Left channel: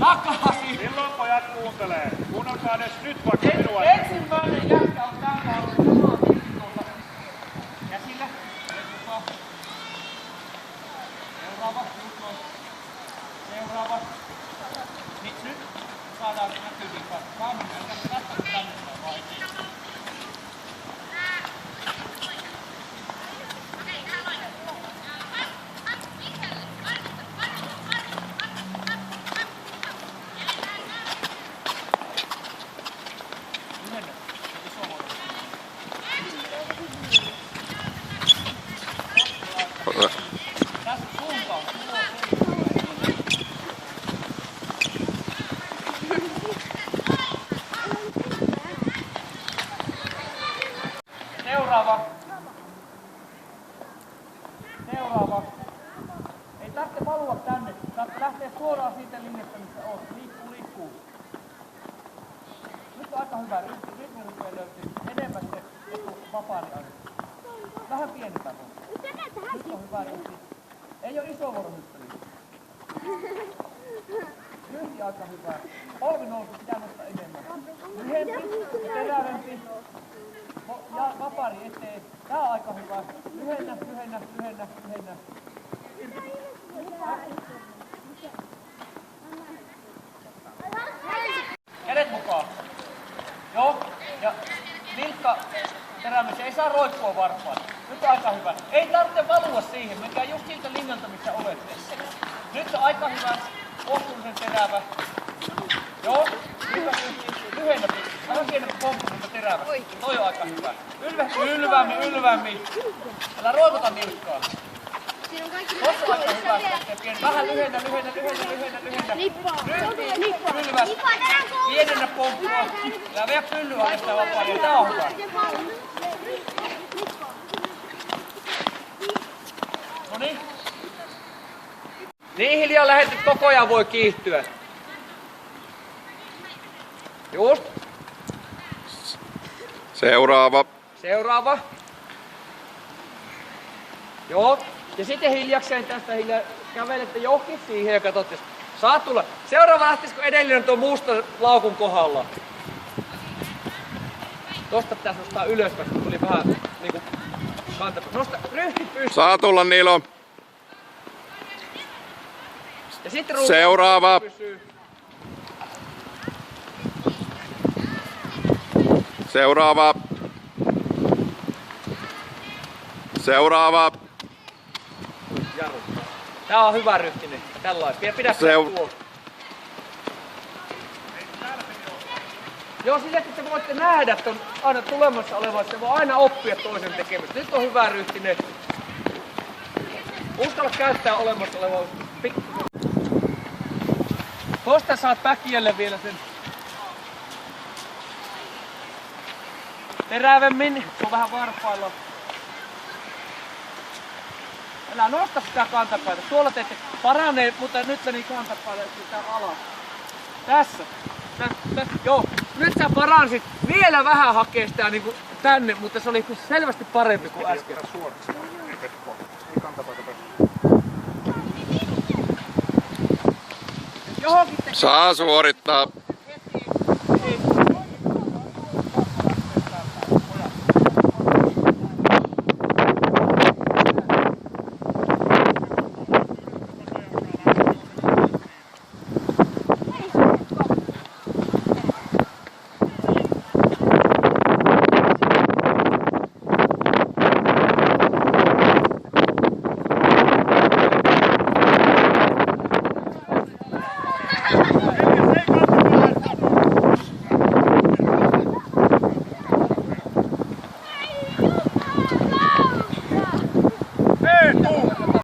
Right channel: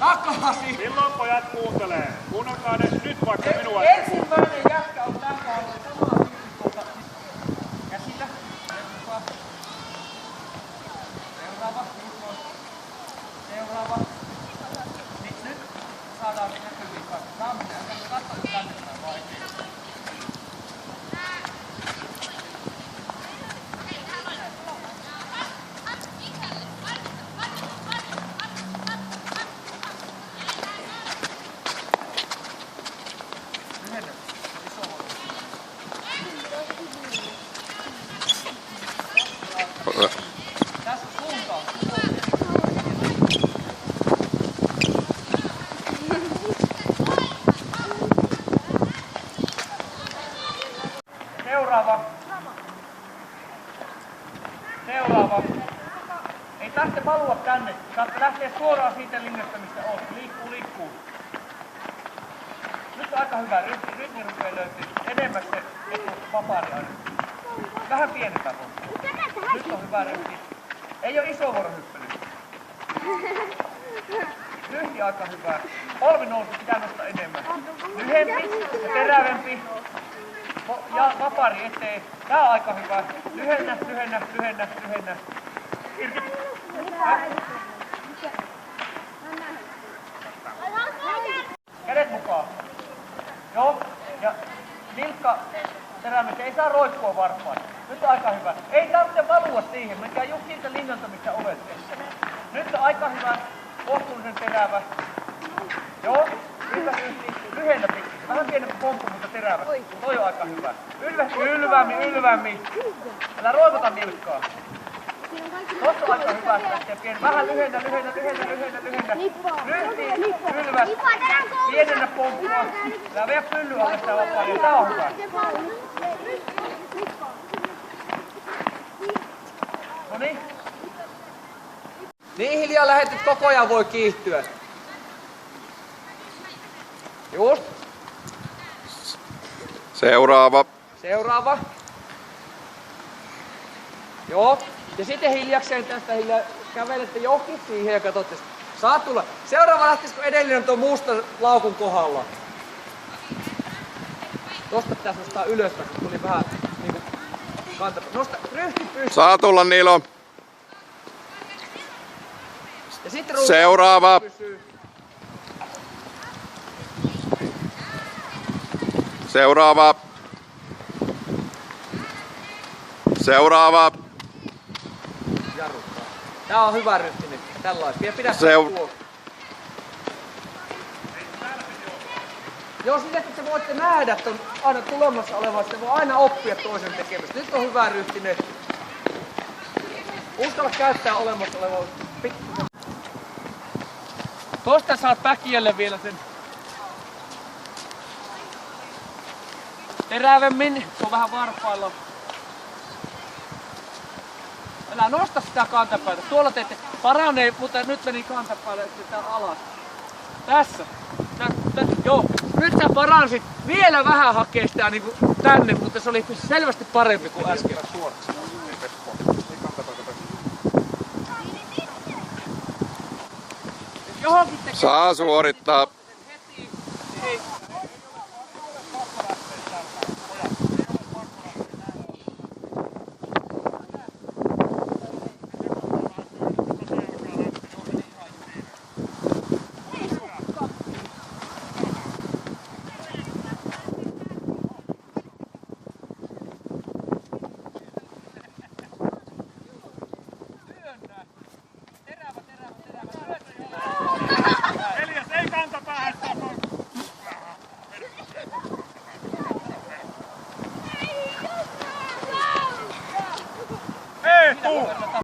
Takaisin! Milloin pojat kuuntelee? Kuunnelkaa nyt vaikka minua. Ensimmäinen jätkä on tänne ollut tuolta käsillä. Seuraava. Seuraava. Nyt saadaan näkyviin kaikki. Saa mennä. Katsotaan tänne päin vai ei. Tässä suuntaan. Seuraava. Seuraava. Ei tarvitse valua tänne. Saatte lähteä suoraan siitä linjasta, mistä oot. Liikkuu. Nyt on aika hyvä. Rytmi rupeaa löytyy enemmän se vapaari aina. Vähän pienempää kohtaa. Nyt on hyvä ryhti. Ei ole iso vuorohyppely. Ryhti aika hyvä. Polvi nousu pitää nostaa enemmän. Lyhempi ja terävempi. Ja vapaari eteen. Tää on aika hyvä. Lyhennä. Irti. Kädet mukaan. Joo. Ja nilkka terämys. Ei saa roikkua varpaan. Nyt on aika hyvä. Ei tarvitse valua siihen. Menkää just siltä linjalta, missä olette. Nyt on aika hyvä. Kohtuullisen terävä. Joo. Lyhennä pikkuisen. Vähän pienempi pomppu, mutta terävä. Toi on aika hyvä. Ylvämmin. Älä roikuta nilkkaa. Tossa on aika hyvä. Vähän lyhennä. Ryhtiin. Ylväs. Pienennä pomppua. Älä vie pylly alle sitä vapaaria. Tää on hyvä. Noniin. Niin hiljaa lähetit koko ajan voi kiihtyä. Just. Seuraava. Joo. Ja sitten hiljakseen tästä kävelette johonkin siihen ja katsotte. Saa tulla. Seuraava lähtisikö edellinen tuon mustan laukun kohdalla. Tosta pitäisi nostaa ylös, kun tuli vähän niinku kanta. Nosta ryhti pystyyn. Saa tulla Nilo. Ja sitten seuraava. Seuraava. Jarruttaa. Tää on hyvä ryhti nyt. Tällaista. Vielä pidä Joo, sitä että te voitte nähdä, että on aina tulemassa olevasta, voi aina oppia toisen tekemistä. Nyt on hyvä ryhtinen. Uskalla käyttää olemassa olevaa. Tosta saat päkiölle vielä sen terävemmin. Se on vähän varpailla. Älä nosta sitä kantapäätä. Tuolla teette paranee, mutta nyt meni kantapäätä alas. Tässä. Joo. Nyt sä paransit vielä vähän hakee sitä niinku tänne, mutta se oli selvästi parempi kuin äsken. Saa suorittaa.